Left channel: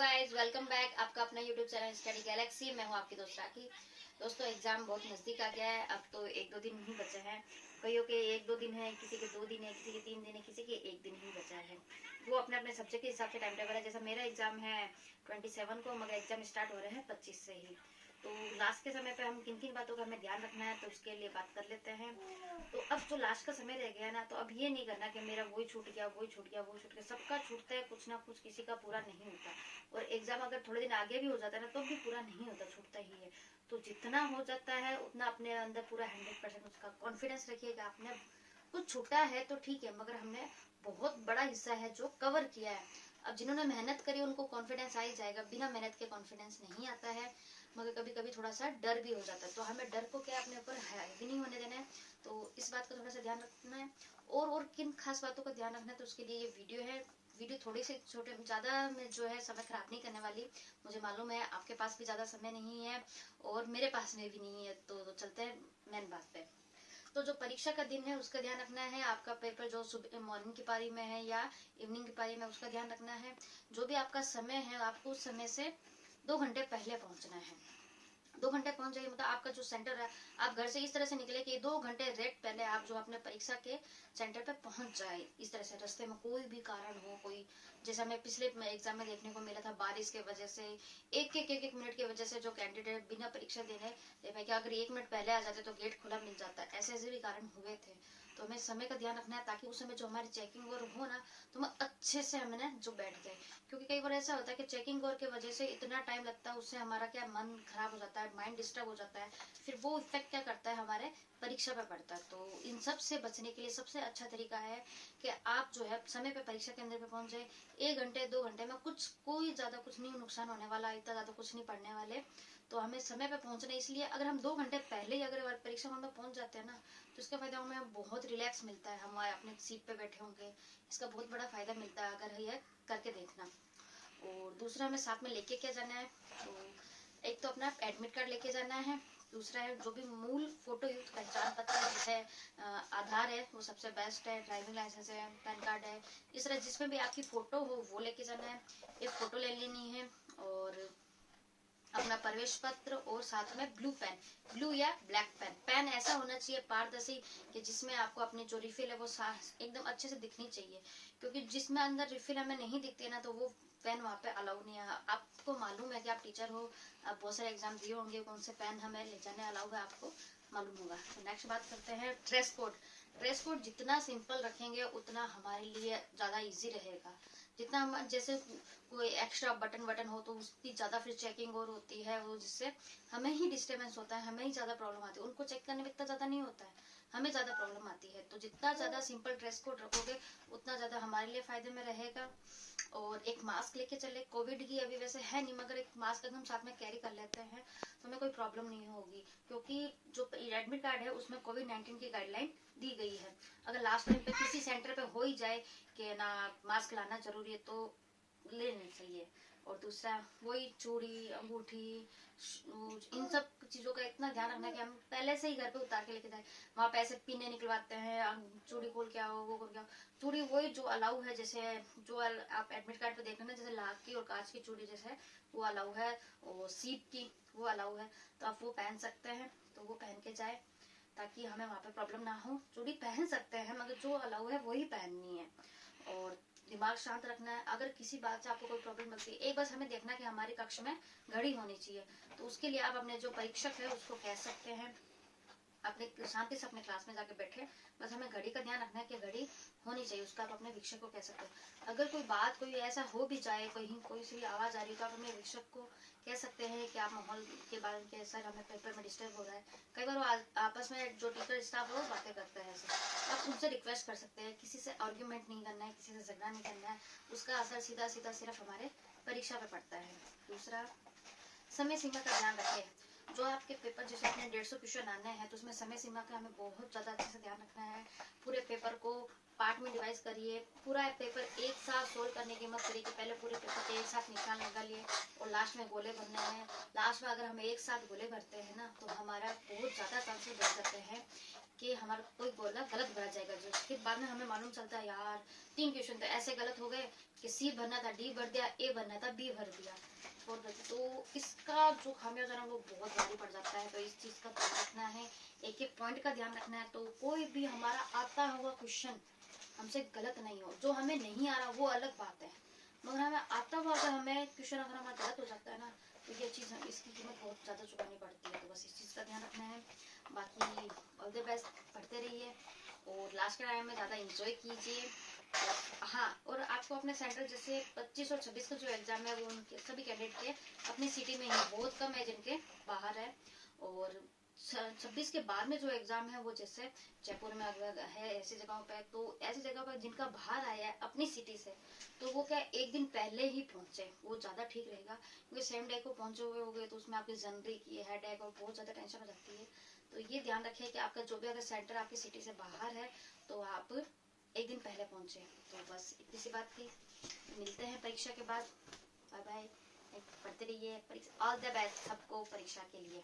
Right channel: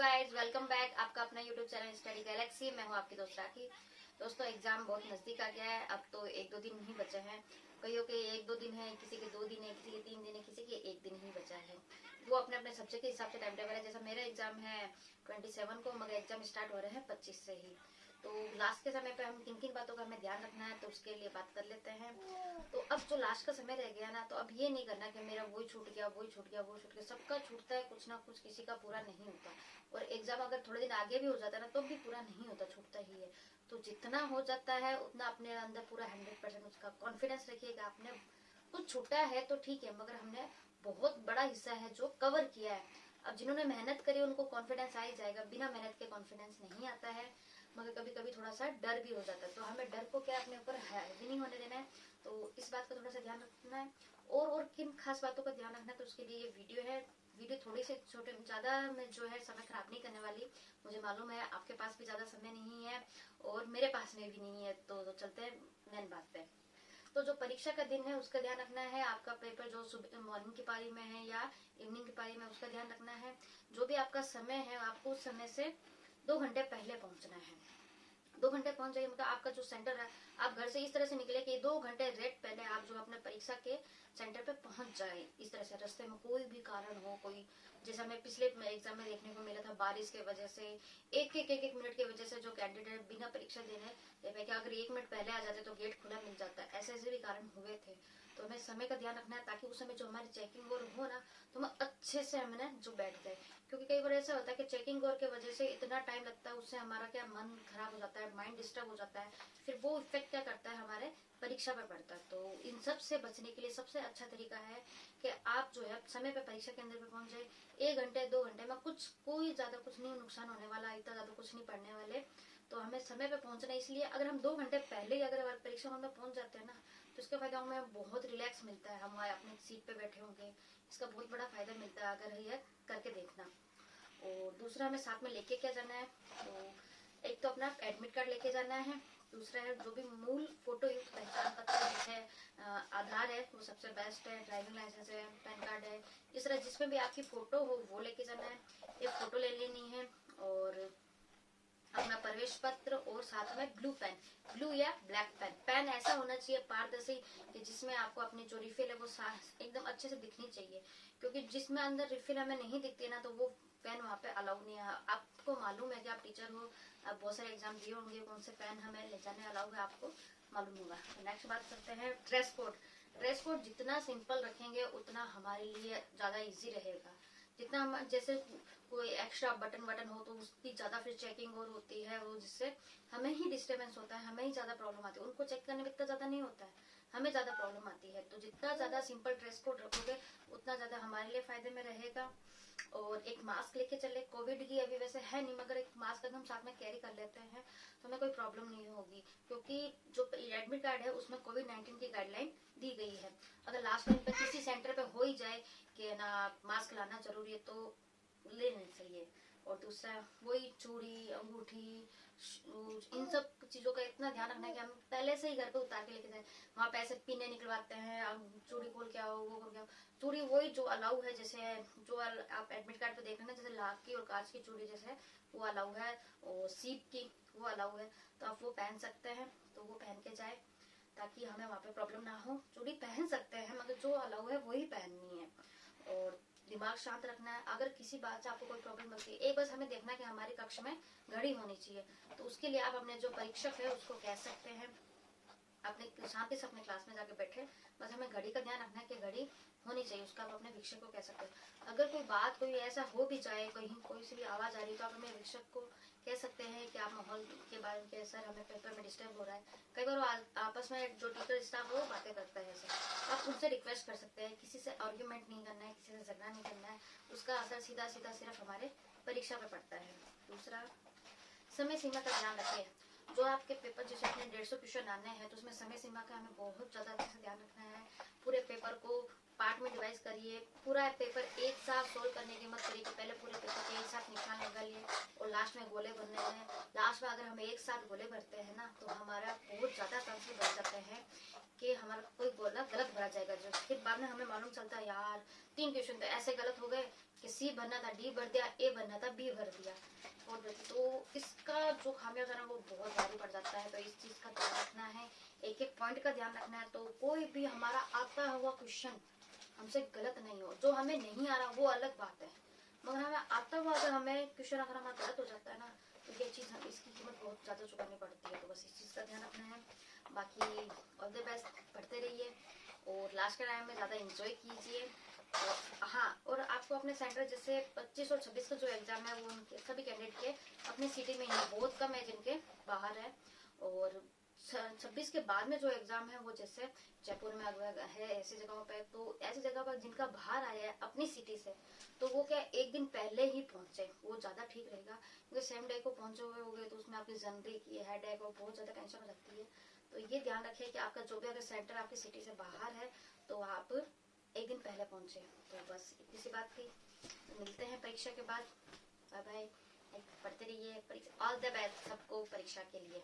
Guys, welcome back. आपका अपना YouTube channel study Galaxy. मैं हूं आपकी दोस्त राखी। दोस्तों, एग्जाम बहुत नजदीक आ गया है। अब तो 1-2 दिन ही बचे हैं। कईयों के 1-2 दिन है, किसी के 2 दिन है, किसी के 3 दिन है, किसी के 1 दिन ही बचा है। वो अपने अपने सब्जेक्ट के हिसाब से टाइम टेबल है। जैसा मेरा एग्जाम है 27 को, मगर एग्जाम स्टार्ट हो रहे हैं 25 से ही। तो लास्ट के समय पे हम किन किन बातों का हमें ध्यान रखना है, तो उसके लिए बात कर लेते हैं। तो अब जो लास्ट का समय रह गया ना, तो अब ये नहीं करना कि मेरा वही छूट गया, वही छूट गया, वो छूट गया। सबका छूटता है कुछ ना कुछ, किसी का पूरा नहीं होता। और एग्जाम अगर थोड़े दिन आगे भी हो जाता है ना, तो भी पूरा नहीं होता, छूटता ही है। तो जितना हो जाता है उतना अपने अंदर पूरा 100% उसका कॉन्फिडेंस रखिएगा। आपने कुछ छूटा है तो ठीक है, मगर हमने बहुत बड़ा हिस्सा है जो कवर किया है। अब जिन्होंने मेहनत करी उनको कॉन्फिडेंस आ ही जाएगा, बिना मेहनत के कॉन्फिडेंस नहीं आता है। मगर कभी कभी थोड़ा सा डर भी हो जाता है, तो हमें डर को क्या अपने ऊपर हावी नहीं होने देना है। तो इस बात का थोड़ा सा ध्यान रखना है। और किन खास बातों का ध्यान रखना है, तो उसके लिए ये वीडियो है। वीडियो थोड़ी सी छोटे, ज्यादा में जो है समय खराब नहीं करने वाली। मुझे मालूम है आपके पास भी ज्यादा समय नहीं है और मेरे पास में भी नहीं है। तो चलते हैं मेन बात पे। तो जो परीक्षा का दिन है उसका ध्यान रखना है। आपका पेपर जो सुबह मॉर्निंग की पारी में है या इवनिंग की पारी में, उसका ध्यान रखना है। जो भी आपका समय है, आपको उस समय से 2 घंटे पहले पहुंचना है। 2 घंटे पहुंच जाइए, मतलब आपका जो सेंटर है, आप घर से इस तरह से निकले कि 2 घंटे रेट पहले आप जो अपने परीक्षा के सेंटर पे पहुंच जाए। इस तरह से रास्ते में कोई भी कारण हो, कोई जैसा हमें पिछले एग्जाम में देखने को मिला था, बारिश की वजह से एक मिनट की वजह से जो कैंडिडेट बिना परीक्षा देने कि अगर 1 मिनट पहले आ जाते तो गेट खुला मिल जाता है। ऐसे ऐसे भी कारण हुए थे। तो हमें समय का ध्यान रखना है, ताकि उस समय जो हमारी चेकिंग और हो ना, तो हम अच्छे से हमने जो बैठ जाए। क्योंकि कई बार ऐसा होता है कि चेकिंग और के वजह से इतना टाइम लगता है, उससे हमारा क्या मन खराब हो जाता है, माइंड डिस्टर्ब हो जाता है। फिर वो इफेक्ट क्या करता है, हमारे परीक्षा पर पड़ता है। तो इन सब से बचने के लिए सबसे अच्छा तरीका है कि आप जो है समय पे परीक्षा केंद्र पे पहुंच जाए। 1 घंटे 2 घंटे में कोई ज्यादा कुछ नहीं नुकसान होने वाला, इतना ज्यादा कुछ नहीं पड़ने वाले। तो हमें समय पे पहुंचना है। इसलिए अगर हम 2 घंटे पहले ही अगर परीक्षा हॉल में पहुंच जाते हैं ना, तो इसका फायदा हमें बहुत रिलैक्स मिलता है। हम अपने सीट पे बैठे होंगे, इसका बहुत बड़ा फायदा मिलता है। अगर ये करके देखना। और दूसरा हमें साथ में लेके क्या जाना है, तो एक तो अपना एडमिट कार्ड लेके जाना है। दूसरा है जो भी मूल फोटो युक्त पहचान पत्र है, जैसे आधार है, वो सबसे बेस्ट है, ड्राइविंग लाइसेंस है, पैन कार्ड है। इस तरह जिसमें भी आपकी फोटो हो वो लेके जाना है। एक फोटो ले लेनी है। और अपना प्रवेश पत्र और साथ में ब्लू पेन, ब्लू या ब्लैक पेन। पेन ऐसा होना चाहिए पारदर्शी कि जिसमें आपको अपनी जो रिफिल है वो एकदम अच्छे से दिखनी चाहिए। क्योंकि जिसमें अंदर रिफिल हमें नहीं दिखती है ना, तो वो पेन वहाँ पे अलाउ नहीं है। आपको मालूम है कि आप टीचर हो, आप बहुत सारे एग्जाम दिए होंगे, कौन से पेन हमें ले जाने अलाउ है आपको मालूम होगा। तो नेक्स्ट बात करते हैं ड्रेस कोड। ड्रेस कोड जितना सिंपल रखेंगे उतना हमारे लिए ज्यादा इजी रहेगा। जितना हम जैसे कोई एक्स्ट्रा बटन वटन हो तो उसकी ज्यादा फिर चेकिंग और होती है, वो जिससे हमें ही डिस्टर्बेंस होता है, हमें ही ज्यादा प्रॉब्लम आती है। उनको चेक करने में इतना ज्यादा नहीं होता है, हमें ज्यादा प्रॉब्लम आती है। तो जितना ज्यादा सिंपल ड्रेस कोड रखोगे उतना ज्यादा हमारे लिए फायदे में रहेगा। और एक मास्क लेके चले। कोविड की अभी वैसे है नहीं, मगर एक मास्क अगर हम साथ में कैरी कर लेते हैं तो हमें कोई प्रॉब्लम नहीं होगी। क्योंकि जो एडमिट कार्ड है उसमें कोविड-19 की गाइडलाइन दी गई है। अगर लास्ट टाइम पे किसी सेंटर पे हो ही जाए कि ना मास्क लाना जरूरी है, तो ले नहीं चाहिए। और दूसरा वही चूड़ी, अंगूठी, इन सब चीजों का इतना ध्यान रखना है कि हम पहले से ही घर पे उतार के लेके जाए। वहां पे ऐसे पिने निकलवाते हैं, चूड़ी खोल के आओ, वो खोल के आओ। चूड़ी वही जो अलाउ है, जैसे जो आप एडमिट कार्ड पे देख रहे हैं, जैसे लाख की और कांच की चूड़ी जैसे वो अलाउ है, और सीप की वो अलाउ है, तो आप वो पहन सकते हैं। तो वो पहन के जाए ताकि हमें वहां पे प्रॉब्लम ना हो। चूड़ी पहन सकते हैं मगर जो अलाउ है वही पहननी है। और दिमाग शांत रखना है। अगर किसी बात से आपको कोई प्रॉब्लम लगती है, एक बस हमें देखना है कि हमारी कक्ष में घड़ी होनी चाहिए। तो उसके लिए आप अपने जो परीक्षक है उसको कह सकते हैं, अपने शांति से अपने क्लास में जाके बैठे। बस हमें घड़ी का ध्यान रखना है कि घड़ी होनी चाहिए, उसका आप अपने शिक्षक को कह सकते हैं। अगर कोई बात कोई ऐसा हो भी जाए, कहीं कोई सी भी आवाज आ रही है, तो आप अपने शिक्षक को कह सकते हैं कि आप माहौल के बारे में, सर हमें पेपर में डिस्टर्ब हो रहा है। कई बार वो आपस में जो टीचर स्टाफ है वो बातें करता है, ऐसे आप उनसे रिक्वेस्ट कर सकते हैं। किसी से आर्ग्यूमेंट नहीं करना है, किसी से झगड़ा नहीं करना है। उसका असर सीधा सीधा सिर्फ हमारे परीक्षा पे पड़ता है। दूसरा, समय सीमा का ध्यान रखें। जो आपके पेपर जैसे अपने 150 क्वेश्चन आने हैं, तो उसमें समय सीमा का हमें बहुत ज्यादा अच्छे से ध्यान रखना है। पूरे पेपर को पार्ट में डिवाइड करिए। पूरा पेपर एक साथ सोल्व करने की मत करिए कि पहले पूरे पेपर के एक साथ निशान लगा लिए और लास्ट में गोले भरने हैं। लास्ट में अगर हम एक साथ गोले भरते हैं ना तो हमारा बहुत ज्यादा चांसेस बढ़ जाते हैं कि हमारा कोई गोला गलत भरा जाएगा। जो फिर बाद में हमें मालूम चलता है यार 3 क्वेश्चन तो ऐसे गलत हो गए कि सी भरना था डी भर दिया, ए भरना था बी भर दिया। तो इसका जो खामियाजा ना वो बहुत भारी पड़ जाता है। तो इस चीज का ध्यान रखना है, एक एक पॉइंट का ध्यान रखना है। तो कोई भी हमारा आता हुआ क्वेश्चन हमसे गलत नहीं हो। जो हमें नहीं आ रहा वो अलग बात है, मगर हमें आता हुआ अगर हमें क्वेश्चन अगर हमारा गलत हो जाता है ना तो ये चीज इसकी कीमत बहुत ज्यादा चुकानी पड़ती है। तो बस इस चीज का ध्यान रखना है। बाकी ऑल द बेस्ट, पढ़ते रहिए और लास्ट के टाइम में ज्यादा इंजॉय कीजिए। हाँ, और आपको अपने सेंटर जैसे 25 और 26 का जो एग्जाम है वो उनके सभी कैंडिडेट के अपनी सिटी में ही, बहुत कम है जिनके बाहर है। और 26 के बाद में जो एग्जाम है वो जैसे जयपुर में है ऐसी जगहों पे, तो ऐसी जगह पर जिनका बाहर आया है अपनी सिटी से तो वो क्या एक दिन पहले ही पहुंचे, वो ज्यादा ठीक रहेगा। क्योंकि सेम डे को पहुंचे हुए हो गए तो उसमें आपकी जनवरी की हेडेक और बहुत ज्यादा टेंशन हो जाती है। तो ये ध्यान रखिए कि आपका जो भी अगर सेंटर आपकी सिटी से बाहर है तो आप एक दिन पहले पहुंचे। तो बस इतनी सी बात थी। मिलते हैं परीक्षा के बाद। बाय बाय, पढ़ते रहिए। ऑल द बेस्ट सबको परीक्षा के लिए।